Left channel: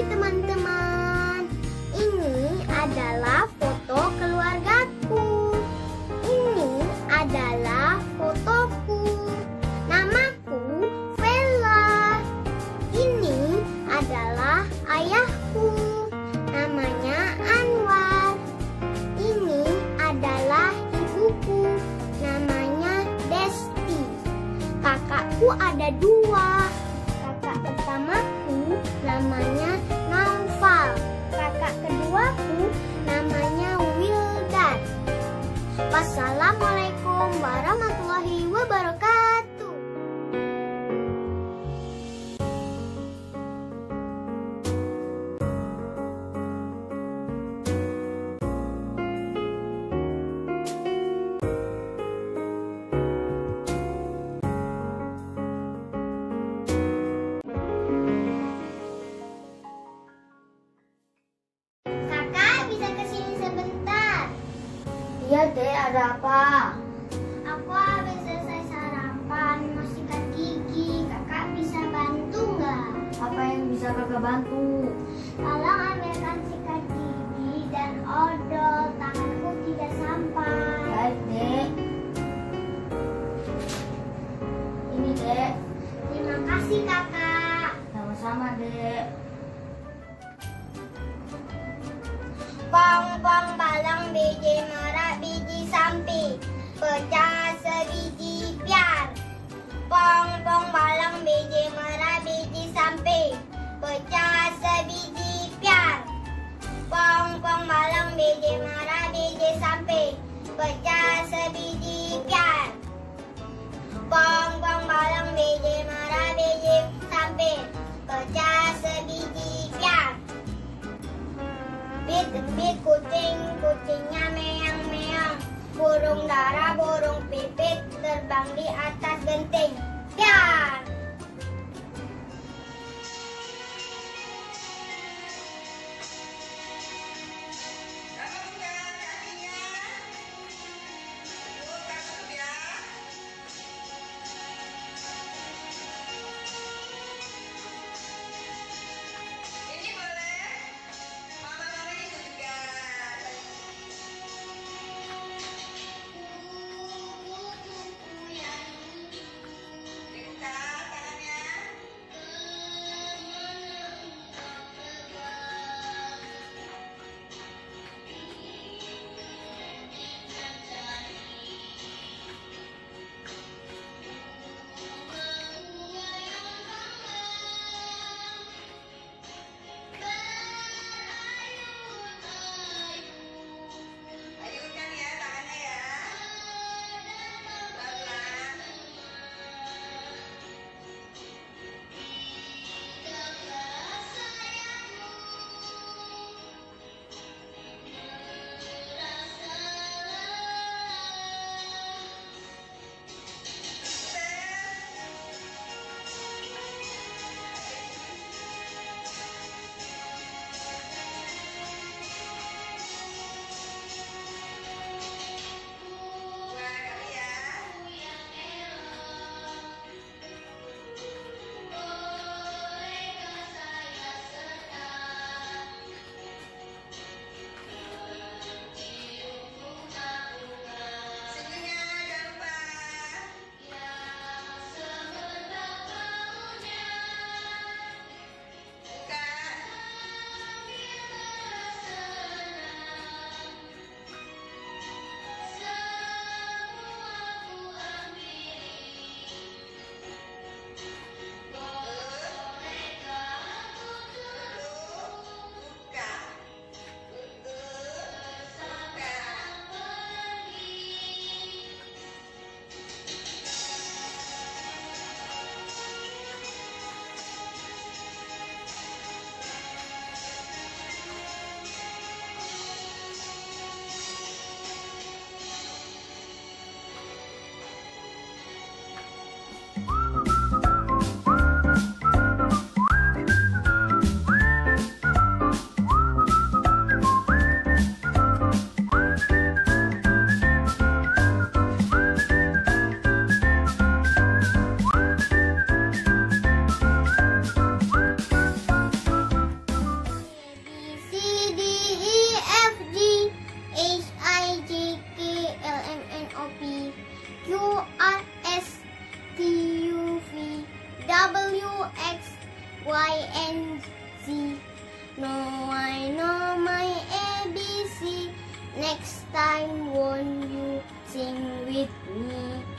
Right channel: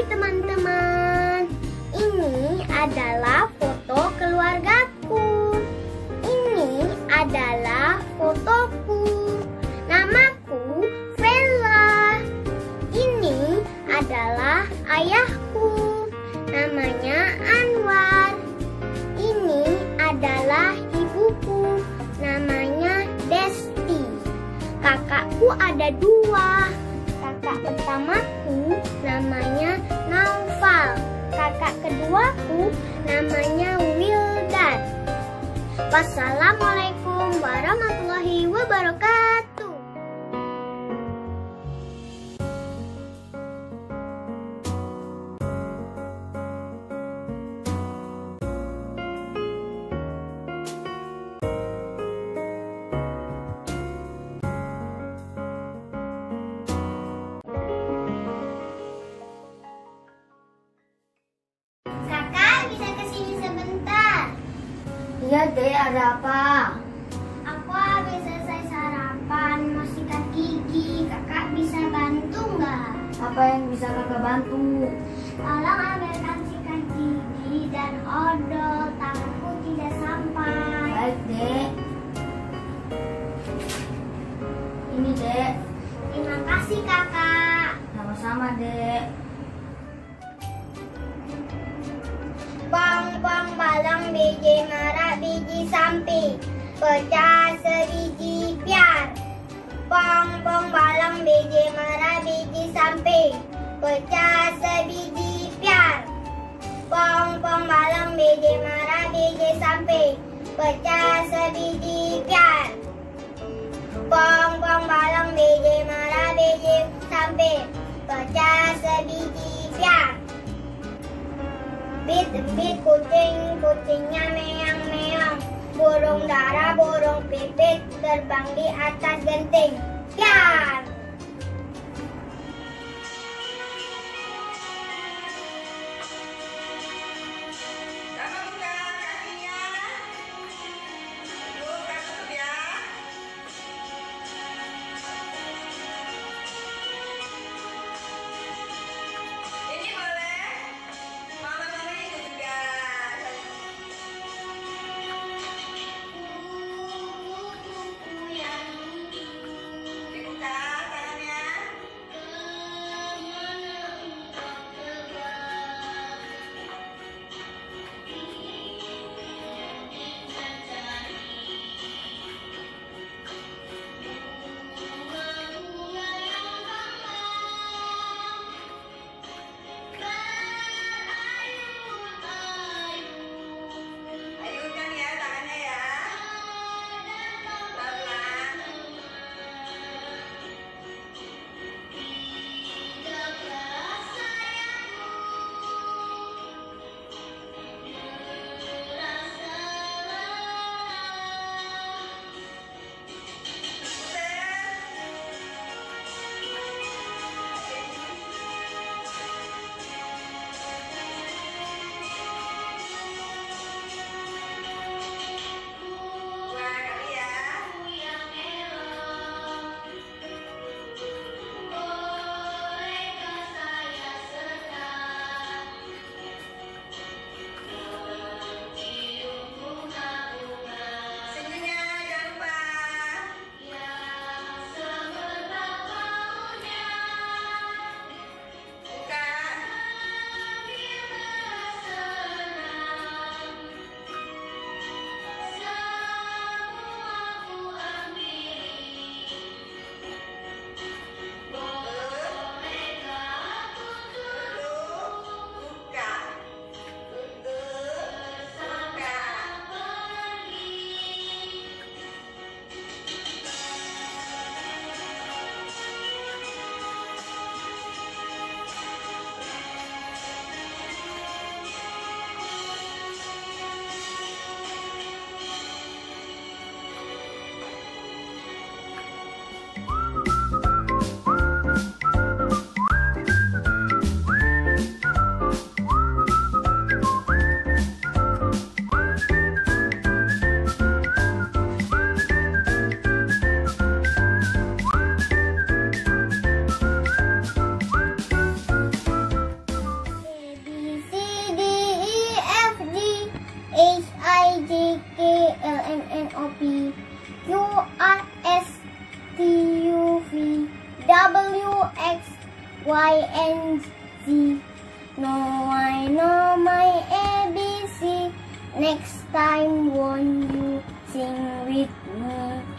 Hai teman-teman, ini adalah foto keluargaku. Ini adalah fotoku. Namaku Vella. Ini adalah ayahku. Namanya Anwar. Ini adalah ibuku. Namanya Desti. Kakakku ada 2. Kakak pertamaku namanya Naufal. Kakak keduaku namanya Wildan. Wassalamualaikum warahmatullahi wabarakatuh. Iya dek, ada apa? Aku habis selesai sarapan, mau sikat gigi. Kakak bisa bantu nggak? Apa yang bisa kakak bantu? Tolong ambilkan sikat gigi dan odol, tanganku tidak sampai. Baik dek. Ini dek. Terima kasih kakak. Sama-sama dek. Pong-pong balang biji merah biji samping, pecah sebiji piar. Pong-pong balang biji merah biji samping, pecah sebiji piar. Pong-pong balang biji merah biji samping, pecah sebiji piar. Pong-pong balang biji merah biji samping, pecah sebiji piar. Bit-bit kucing, kucingnya meong-meong. Burung dara, burung pipit, terbang di atas genting. Piar! X, Y, and Z. Now I know my ABC. Next time won't you sing with me?